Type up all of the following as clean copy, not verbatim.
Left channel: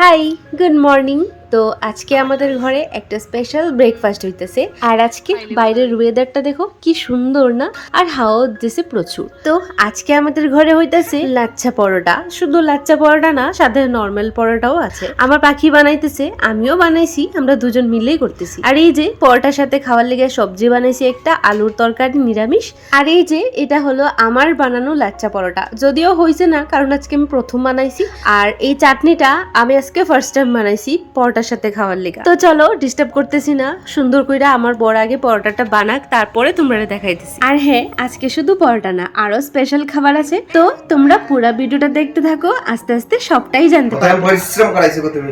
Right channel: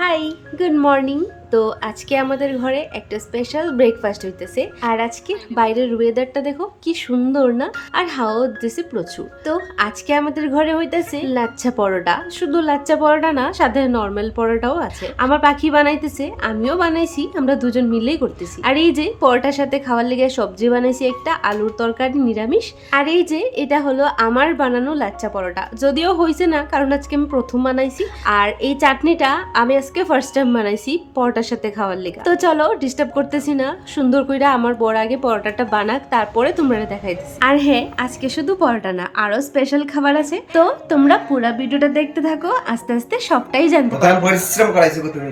High, good morning. তো আজকে আমাদের ঘরে একটা স্পেশাল ব্রেকফাস্ট হইতেছে। আর আজকে বাইরের ওয়েদারটা দেখো কি সুন্দর না, আর হাওয়া দিতেছে প্রচুর। তো আজকে আমাদের ঘরে হইতেছে লাচ্ছা পরোটা। শুধু লাচ্ছা পরোটা না, সাথে নর্মাল পরোটাও আছে। আমার পাখি বানাইতেছে, আমিও বানাইছি, আমরা দুজন মিলেই করতেছি। আর এই যে পরোটার সাথে খাওয়ার লেগে সবজি বানাইছি, একটা আলুর তরকারি নিরামিষ। আর এই যে এটা হলো আমার বানানো লাচ্ছা পরোটা, যদিও হয়েছে না কারণ আজকে আমি প্রথম বানাইছি। আর এই চাটনিটা আমি আজকে ফার্স্ট টাইম বানাইছি পরোটার সাথে খাওয়ার লেগে। তো চলো ডিস্টার্ব করতেছি না, সুন্দর কইরা আমার বড় আগে পরোটাটা বানাক, তারপরে তোমরা দেখাইতেছি। আর হ্যাঁ, আজকে শুধু পরোটা না, আরো স্পেশাল খাবার আছে। তো তোমরা পুরো ভিডিওটা দেখতে থাকো, আস্তে আস্তে সবটাই জানতে পারবে। পরিশ্রম করাইছো গো তুমি।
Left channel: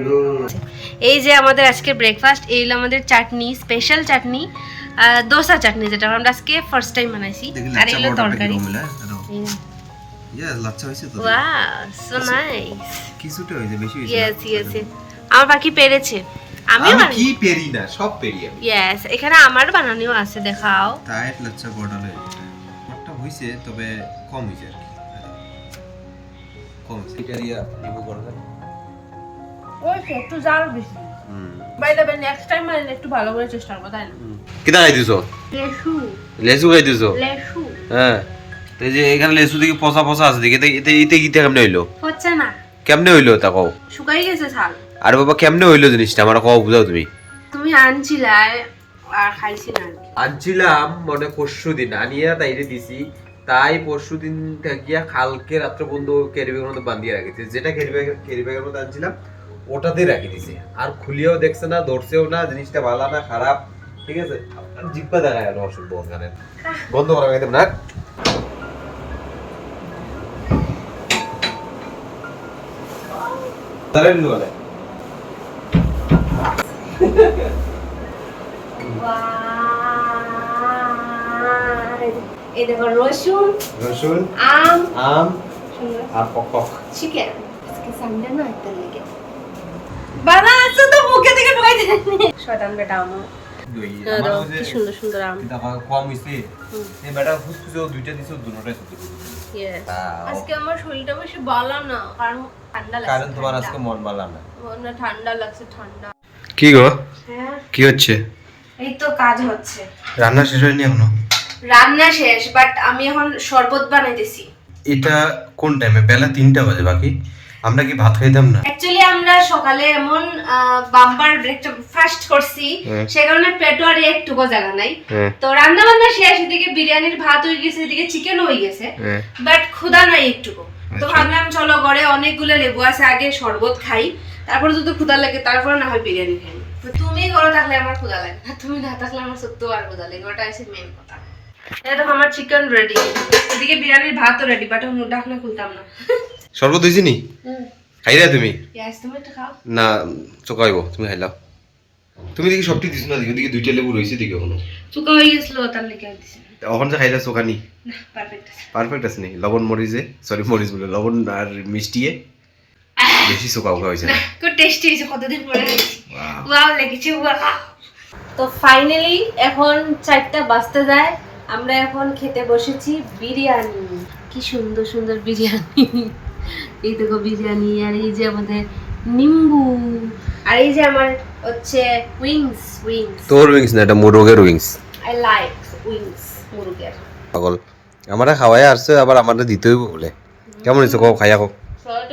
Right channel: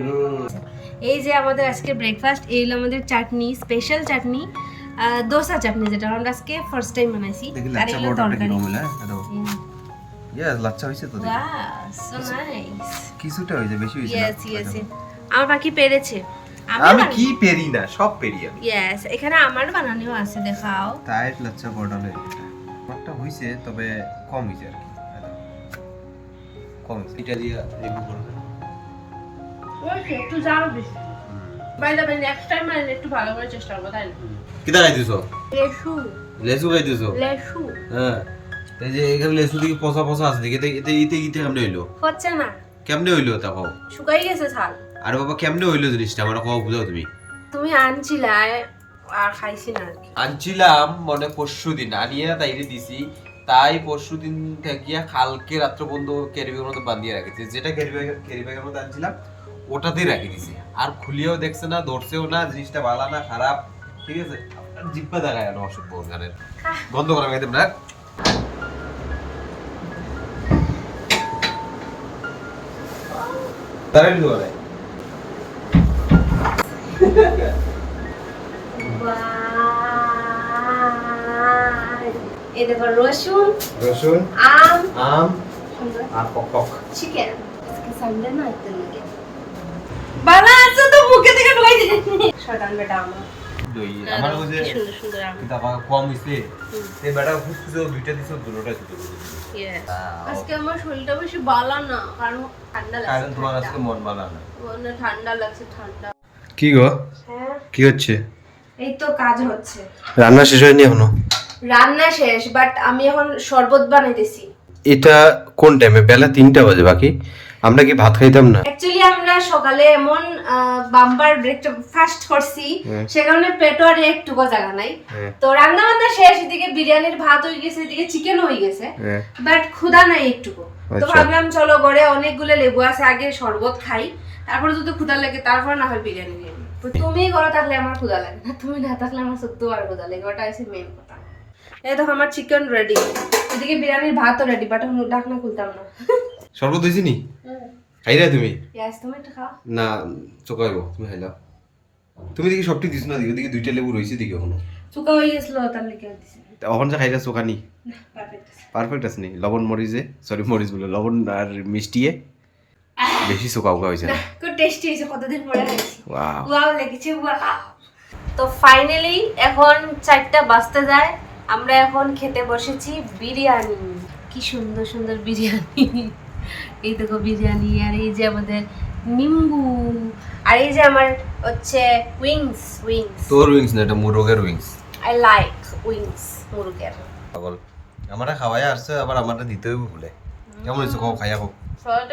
এই যে আমাদের আজকে ব্রেকফাস্ট, এই হলো আমাদের চাটনি, স্পেশাল চাটনি, দোসা চাটনি, যেটা আমরা আজকে ফার্স্ট টাইম বানাইছি। আর এই হলো তরকারি। ইয়েস, লাচ্ছা হইছে তো। Wow, so nice. কিছুটা হইছে, বেশি হইছে। Yes yes. আমার বাকি পেরেছে, আমি কি পেরি না, সব পেরি আমি। ইয়েস, এখানে আমার বানানিও আছে, দেখাও। তাই লাচ্ছা পরোটা লই। আমারটা হইছে, তবে কম হইছে আর কি। কম হইছে। এটা দিয়া লেবু করব। ওই একটু জাল বেশি। By the way, next time আমি একটু ভালো করে চেষ্টা করব, তাই না? কিটা খাই দিছো? লেসু। লেসু খাই দিছো? লেসু। হ্যাঁ। এই যে এখানে লেসু দিকে পচা পচা আছে দিকে, এতে কি কেমনে হইলো? হচ্ছে না। কেমনে হইলো তা কও? শুকাই গেছে ছাল। আরে বাবা, কেমনে হইলো জিনিসটা আমার কও, বুঝাও তুমি। তুমি আনছিলা আর খাইছি না। আনছিলাম মনে পরশুদিন, আনিয়া তাইরে দিছি। তাই পরশুদিন থাকিয়া কালকে রাত্র বন্ধু ক্যারিব্যাগের মধ্যে বান্ধিয়ে রাখিছে। যেটা ক্যারিব্যাগের মধ্যে আনছিলাম ওটাতেই রাখি দিছে। আর খুলিয়াও দেখছে না, ধরছেও না, জিনিসটা ভালো না খারাপ, ঠিক আছে। জিব্বা দেখায় গেল অসভ্য গানের। বন্ধ করা গেতাম না। তারে দিল বলে এই দেখো, রসুন, রসুন, আম, আম আর পক। চিকেন। আজকে সানডে না, একটা লাগে বালা আছে তো মুখে থেকে ঢুকাই দে। শয়তান বেটা আমার। দই আমার ওই যে কি সুন্দর সুন্দর আম। এটা কম হইছে। এই বেটা ফুসফুসে দুইটা দিছো, দুটোটাই তো। ইয়েস। আজকে আমার শরীরটা বেশি ভালো না, কারণ ঠান্ডা লাগছে। কারণ তোমার আজকে মন ভালো না। মনে ঠান্ডা লাগছে, ঠান্ডা। কি গো? হ্যাঁ, কি হচ্ছে? এই তো কাজ হচ্ছে। রান্না শেষ হয়নি এখনো? রান্না শেষ, বাট আমি এখন শরবত বানাইতেছি। এটা কোন টাইমে? বেলা 3টা বাজে। বাকি আমরা কি ভাত খাইতাম না? অ্যাকচুয়ালি আমরা সকালে এমন বাম্পার ব্রেকফাস্ট করছি, সে কারণে পেটও আর একটুকু জায়গা নাই। তো রান্না বান্না শেষ, এদিকে বিরিয়ানির ভাত হয়ে গেছে, এদিকে চিকেন হয়ে গেছে, বাট ক্ষুধা নাই একটুকু। তো ভাবলাম চলো ঘরে অনেকগুলো লেবু আছে, আগে শরবত খাই, তারপরে যদি ক্ষুধা লাগে তারপর না হয় বিরিয়ানি খাই। তুমি ঘরে থাকলে আমার ক্ষুধা লাগে না, তুমি না থাকলে আমার সত্যি আর ক্ষুধা লাগে, ওটা হচ্ছে মেন কথা। এই দেখো আমার চিকেন রেডি, এদিকে বিরিয়ানির ভাতও রেডি, বাট আমি ঢাকনা খুলতাম না। শরবত হইছে নি? খাইরা তুমি? ইয়েস, তুমি একটু খাও না, চোকাইবো, তুমি খাইলাও। তুমি দেখি সবটি দিছ না, দিকে দুইটা লেবু রইছে দিকে এখনো। চুকা হয়ে গেছিল, তার লেগে দিছি। এখন যে খাইলা চোকানি না, পারফেক্ট আছে। পারফেক্ট আছে নি? লবণ মরিচে, সরি মরিচ বলে, লবণ আর মিষ্টিয়ে বেশি চোকা উকা হয়েছে না? খুব টেস্টি হয়েছে, কতদিন পরে খাইছি। ওয়াও, ওয়াও লেগেছে, ওয়াও। তো ফাইনালি এখন 4টা বাজতে যায়, আমরা এখন খেতে বসেছি বিরিয়ানি। কি সুন্দর সুন্দর বিরিয়ানি, এই দেখো বিরিয়ানি, আর এই যে আমাদের নিম্বু, আর এই যে আমার হচ্ছে উইংস। তোর উইংস না, এটা মুরগের উইংস। আই লাইক উইংস, মুরগের। পাগল, আমারা খাওয়াই আসছে, আবার আমাদের দিতেই বলে। কেমন হয়েছে কও, খাইয়া কও। সল্ট